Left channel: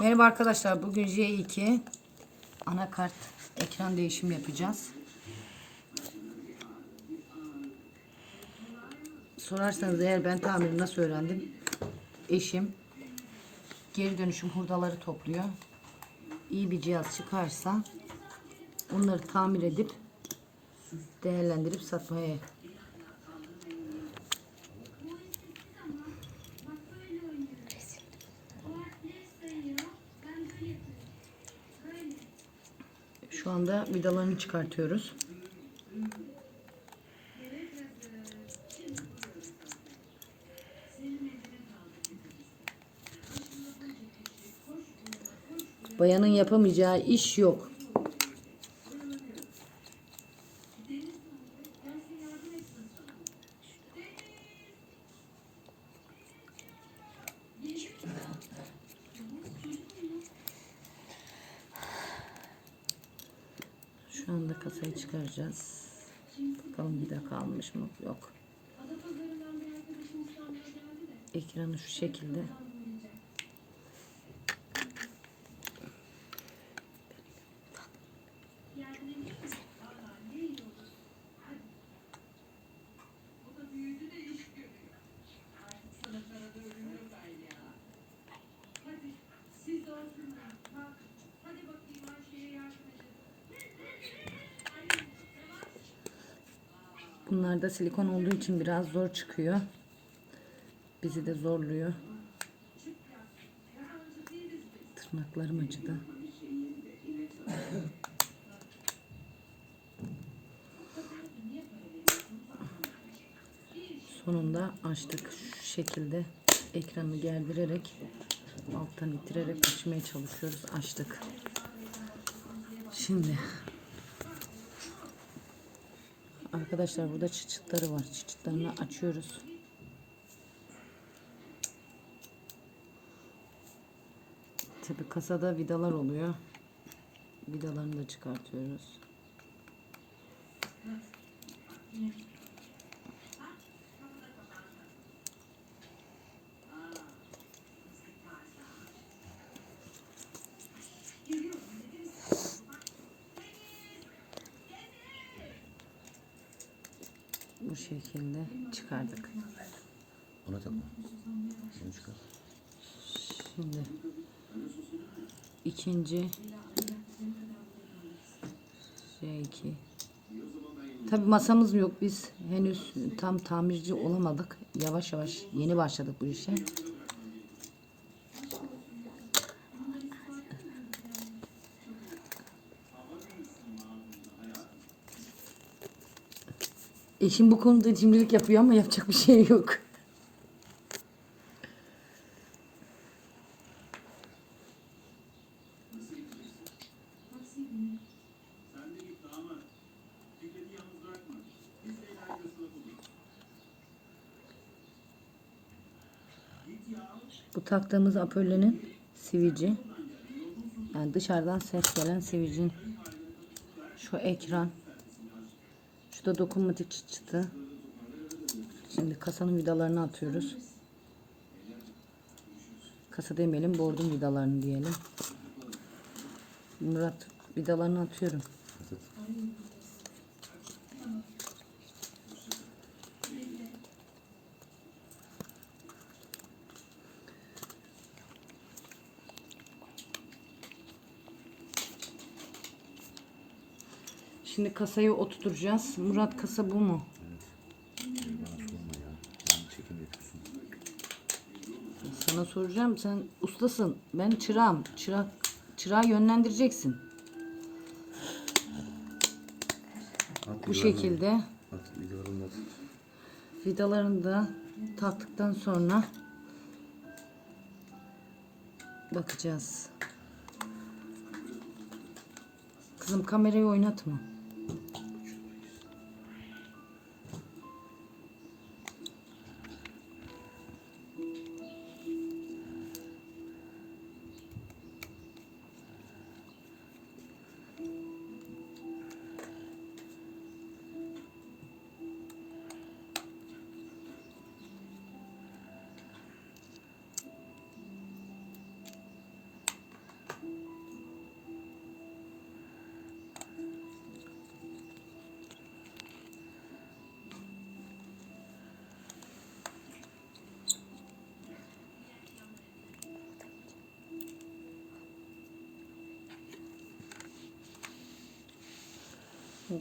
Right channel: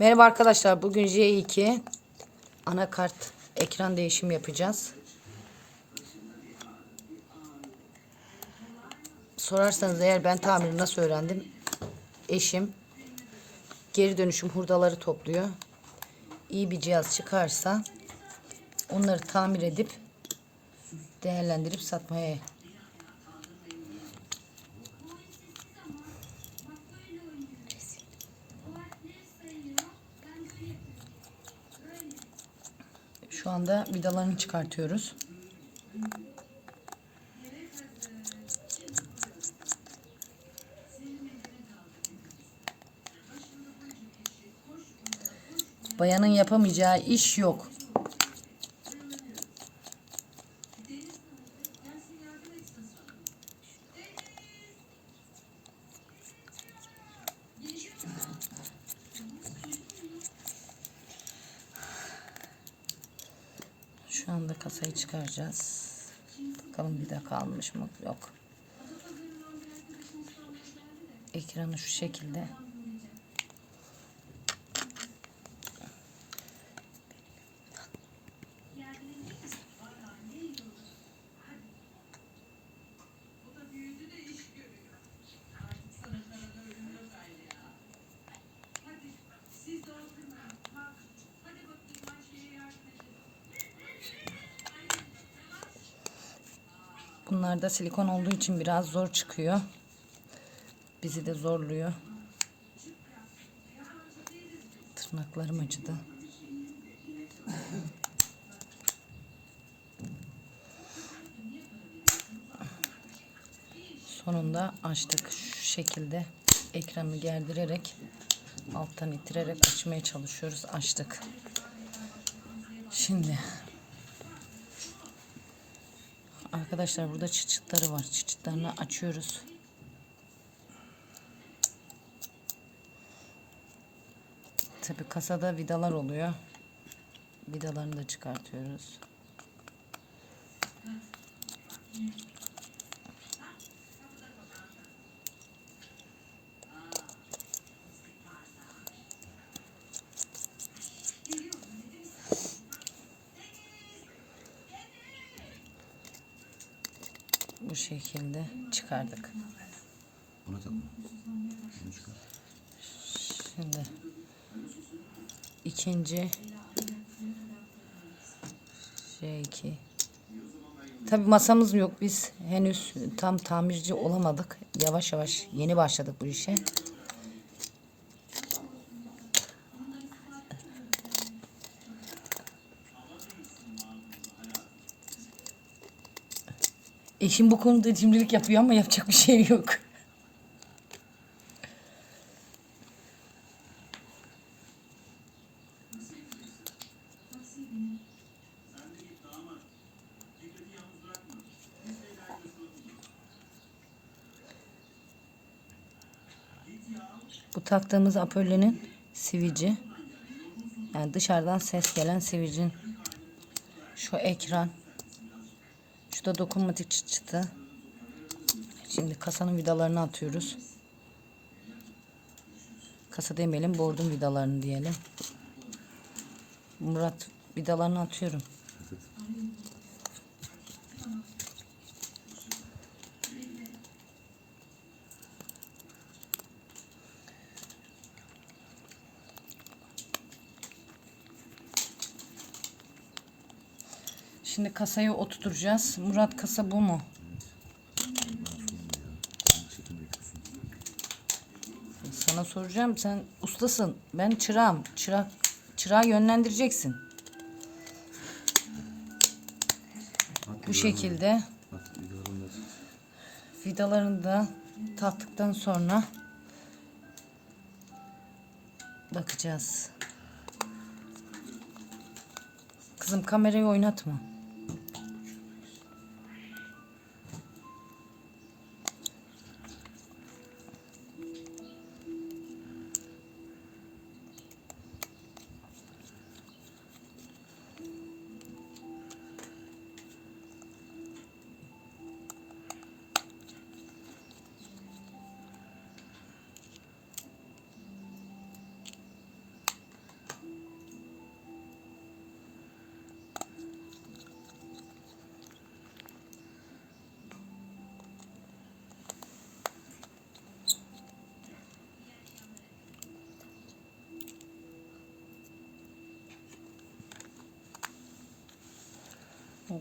Merhaba arkadaşlar. Bugün J2 anakart ekran değişim yapacağız. Sorarsanız eğer ben tamiri nasıl öğrendim? Eşim geri dönüşüm hurdaları topluyor. İyi bir cihaz çıkarsa onları tamir edip değerlendirip satmaya Şu anda vidalarını çıkartıyoruz. Bayanın yapamayacağı iş yok. Şu anda kasayı çıkaracağız. Bakalım vida kalmış mı? Yok. Ekranı şu şekilde. Bunlar da silikon olduğu için biraz zor çıkıyor. Bizi de zorluyor. Tırnaklarım acıdı. Sonunda açtık. Şu şekilde ekranı gerdirerek alttan ittirerek açmaya çalışıyoruz. Açtık. Şimdi Arkadaşlar burada çıçıtları var. Çıçıtlarını açıyoruz. Tabi kasada vidalar oluyor. Vidalarını da çıkartıyoruz. Bu şekilde çıkardık. Buna takma. Çıkar. Şimdi ikinci J2 Tabi masamız yok biz henüz tam tamirci olamadık yavaş yavaş yeni başladık bu işe Eşim bu konuda cimrilik yapıyor ama yapacak bir şey yok. Bu taktığımız apöllenin sivici. Yani dışarıdan ses gelen sivicin. Şu ekran. Şu da dokunmatik çıt çıtı. Şimdi kasanın vidalarını atıyoruz. Kasa demeyelim, bordun vidalarını diyelim. Murat vidalarını atıyorum. Şimdi kasayı oturtacağız. Murat kasa bu mu? Sana soracağım. Sen ustasın. Ben çırağım. Çırak, çırağı yönlendireceksin. At Bu şekilde at. At vidalarını at. vidalarını da taktıktan sonra bakacağız. Kızım kamerayı oynatma.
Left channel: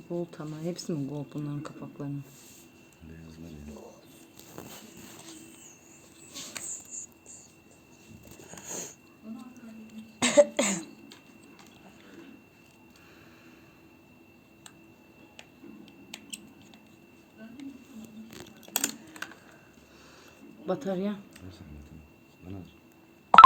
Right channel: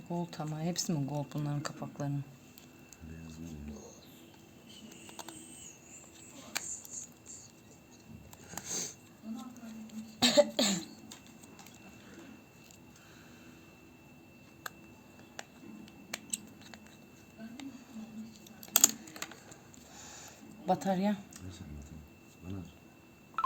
Gold ama hepsi mi gold bunların kapaklarının? Beyazlar ya. Batarya.